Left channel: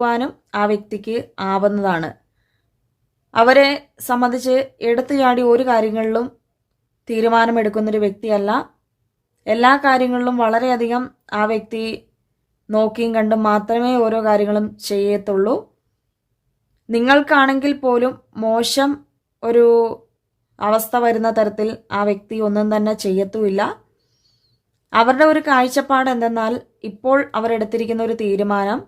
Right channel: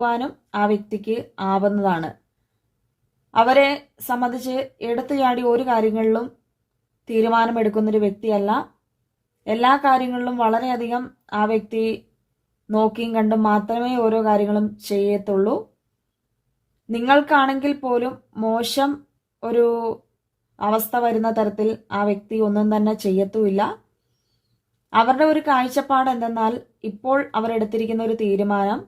ാനും ആ വ്യക്തിക്ക് ആവുന്നതാണ്. അവരെ സംബന്ധിച്ച് എടുത്തു ചാടി ഒരു കാര്യങ്ങളിലും തീരുമാനമെടുക്കുന്നൊരു വ്യക്തിയല്ല. എല്ലാ കാര്യങ്ങളിലും വളരെയധികം ആ വ്യക്തി നോക്കിയും കണ്ടും മാത്രമേ ഓരോ കാര്യങ്ങളും ചെയ്യത്തുള്ളൂ. നിങ്ങൾക്കാണെങ്കിൽ പോലും മോശം ഒരു അവസ്ഥ വരുന്ന തരത്തിൽ ആ വ്യക്തി ഒന്നും തന്നെ ചെയ്യത്തുമില്ല. അവരുടെ ഒരു കാഴ്ചപ്പാട് എന്തെന്നാൽ, ഇപ്പോൾ അവരെടുത്തിരിക്കുന്ന ഒരു തീരുമാനം,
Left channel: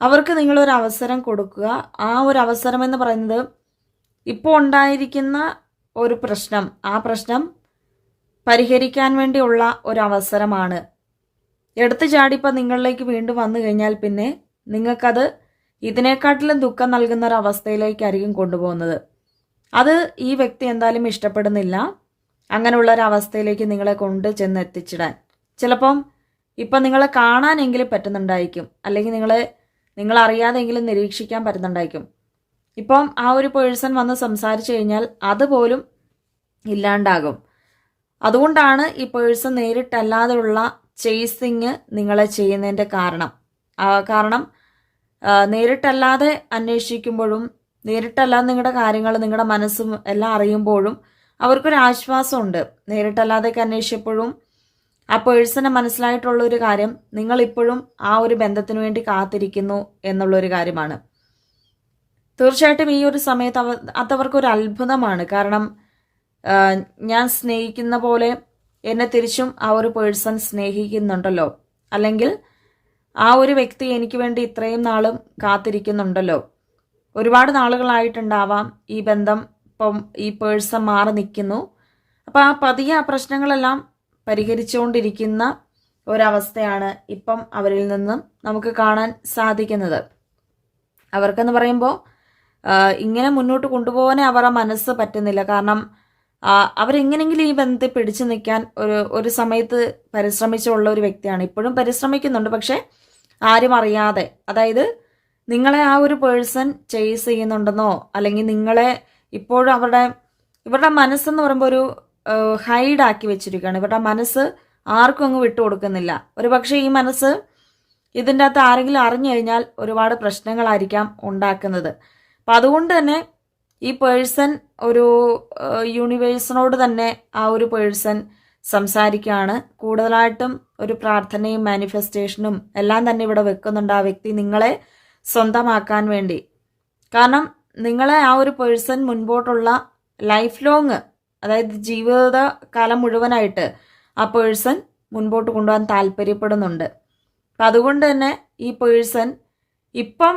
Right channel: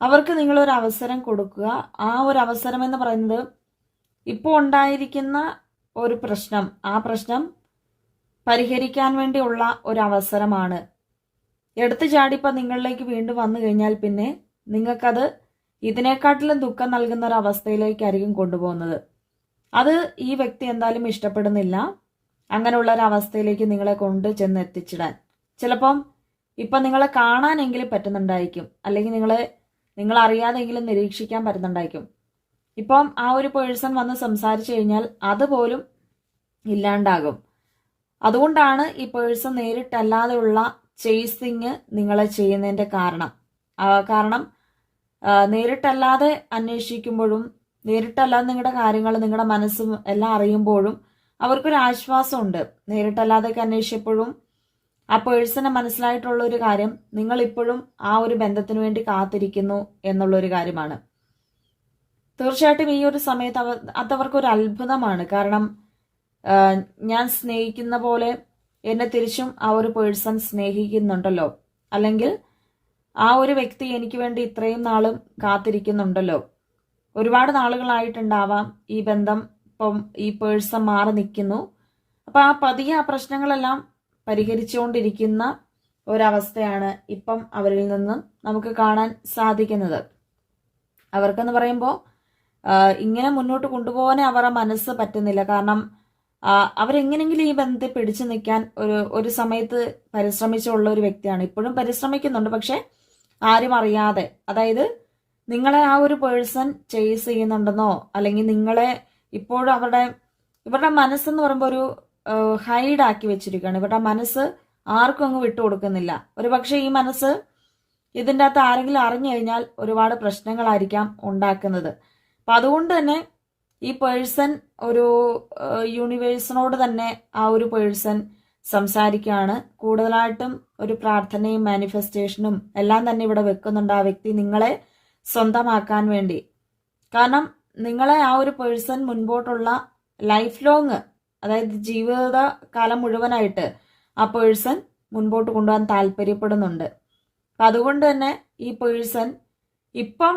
അവർക്ക് നിങ്ങളൊരു അവസരം കൊടുക്കുക. ആ ഒരു അവസരം എന്ന് പറയുന്നത് ഇപ്പോൾ ഉണ്ടായിരിക്കുന്ന ഒരു പ്രശ്നം, ആ പ്രശ്നം പരിഹരിക്കാൻ വേണ്ടിയുള്ള ഒരു അവസരമാണ്. എടുത്തു ചാടിപ്പോൾ നിങ്ങളിലേക്ക് വീണ്ടും വന്നു കഴിഞ്ഞാൽ പിന്നെ നിങ്ങൾക്കത് ഇതിനെക്കാട്ടിലും ദുഃഖം നൽകുന്ന ഒരു അവസ്ഥയിലേക്കായിരിക്കും കൊണ്ടുപോകുന്നത്. അത് ഈ വ്യക്തി എന്തായാലും ഇഷ്ടപ്പെടുന്നില്ല. അങ്ങനെയുള്ള ഒരു അവസ്ഥയിലേക്ക് നിങ്ങളെ കൊണ്ട് ചെന്ന് എത്തിച്ചിടാൻ. ചിലപ്പം ഇപ്പം നിങ്ങളെ കാണാനെങ്കിലും പറ്റുന്നുണ്ടായിരിക്കും, അല്ലെങ്കിൽ നിങ്ങൾ അറിയാതെങ്കിലും നിരീക്ഷിക്കാൻ പറ്റുന്നുണ്ടായിരിക്കും. ഇപ്പം ആ ഒരു പേഴ്സൺ വന്ന് സംസാരിച്ചു കഴിഞ്ഞാൽ അതുപോലും ഇല്ലാണ്ടാകും. അതുകൊണ്ടാണ് ഈ പേഴ്സൺ നേരിട്ടല്ലാതെയുള്ള ചേസിങ് നിങ്ങളെ ചെയ്യുന്നതിൻ്റെ കാരണം നേരിട്ടല്ലാതെ അന്വേഷിക്കുമ്പോഴും നേരിട്ടല്ലാതെ നിങ്ങളുടെ കാര്യങ്ങൾ, നിങ്ങളുടെ മനസ്സും എല്ലാം അറിയുമ്പോഴും അവർക്കൊരു ആശ്വാസമുണ്ട്. നേരിട്ടല്ലാതെയൊക്കെ അന്വേഷിച്ചപ്പോഴും ആ പേഴ്സണെ മനസ്സിലായിട്ടുള്ള ഒരു കാര്യം, നിങ്ങളിപ്പോഴും ആ ഒരു ബന്ധത്തിന് വേണ്ടി കാത്തിരിക്കുന്നു എന്നുള്ളൊരു കാര്യമാണ്. തീർച്ചയായിട്ടും ഈ ഒരു സമയത്ത് അതവർക്കൊരു അത്ഭുതമാണ്. കാരണം ഞാൻ സ്നേഹിക്കുന്ന പോലെ എന്നെ തിരിച്ചും ആ ഒരു പേഴ്സൺ സ്നേഹിക്കുന്നുണ്ടല്ലോ, അല്ലെങ്കിൽ ആ ഒരു വ്യക്തി എനിക്ക് വേണ്ടി ഇത്രയും നാളും കാത്തിരിക്കുന്നുണ്ടല്ലോ. ഒരുപാട് നാളുകളായിട്ടുണ്ടാവാം ഈ ബന്ധം, ഇപ്പം ഈ പേഴ്സൺ മാറി നിൽക്കുന്നു. അപ്പം ആ പതിയെ ആ പ്രശ്നങ്ങളെല്ലാം പരിഹരിച്ചുകൊണ്ടിരിക്കുന്ന ഒരവസ്ഥയാണ് ഇപ്പം അവരിൽ നിന്നും നമുക്ക് കാണാൻ സാധിക്കുന്നത്. അവർക്കെന്ന് പറയുമ്പോൾ ഇങ്ങനെ മുന്നോട്ട് കൊണ്ടുപോകാനേ അവരുടെ മനസ്സ് പറ്റുന്നില്ല. കാരണം അവരെങ്ങനെങ്കിലും ഈ ബന്ധത്തെ പിടിച്ചു നിൽക്കാൻ ഒരു സമയത്ത് പരിശ്രമിച്ചുള്ള ഒരു വ്യക്തിയാണ്. ഇപ്പോഴും പരിശ്രമിക്കുന്നുണ്ട്, പക്ഷെ ആരും അറിയാതെ. അതായത് നിങ്ങളെ ആ ഒരു പേഴ്സൺ ചേസ് ചെയ്യുന്നുണ്ടെന്നോ, അല്ലെങ്കിൽ നിങ്ങളെ ഇപ്പോഴും ഇവരുടെ മനസ്സെന്ന് പറയുമ്പോൾ ഒരു ഹൈഡാക്കി വെച്ചിരിക്കുകയാണ്. ഇവരുടെ മനസ്സ് ആർക്കും അങ്ങ് വിട്ടുകൊടുക്കുന്നില്ല. ഒരു പക്ഷേ ഈ മനസ്സ് ഇതിൻ്റെ അകത്ത് ആരെങ്കിലും അറിഞ്ഞു കഴിഞ്ഞാൽ ഒരുപാട് പ്രശ്നങ്ങളായിരിക്കാം ഉണ്ടാക്കുന്നത്. അപ്പം അതുകൊണ്ട് തന്നെ ഈ പേഴ്സൺ ഒരു യൂണിവേഴ്സിനോട് തന്നെ ആ ഒരു പേഴ്സൺ സംസാരിക്കുകയാണ്. കൂടുതലായിട്ടും ഒരു പ്രാർത്ഥനയും മാനിഫെസ്റ്റേഷനും എല്ലാം തന്നെ ഇവിടെ വെക്കുന്നുണ്ട് ആ വ്യക്തി നിങ്ങളെ സ്വന്തമാക്കാൻ വേണ്ടി. കാരണം നിങ്ങളെ ആ ഒരു പേഴ്സൺ മുൻപോട്ടുള്ള ലൈഫ് ലോങ്, അതായത് ജീവിതകാലം മുഴുവനായിട്ട് ആ പേഴ്സൺ മുൻപോട്ട് കൊണ്ടുപോകാൻ താല്പര്യപ്പെടുന്നുണ്ട്. അപ്പം അതുകൊണ്ട് തന്നെ ഈ പേഴ്സൺ ഇപ്പം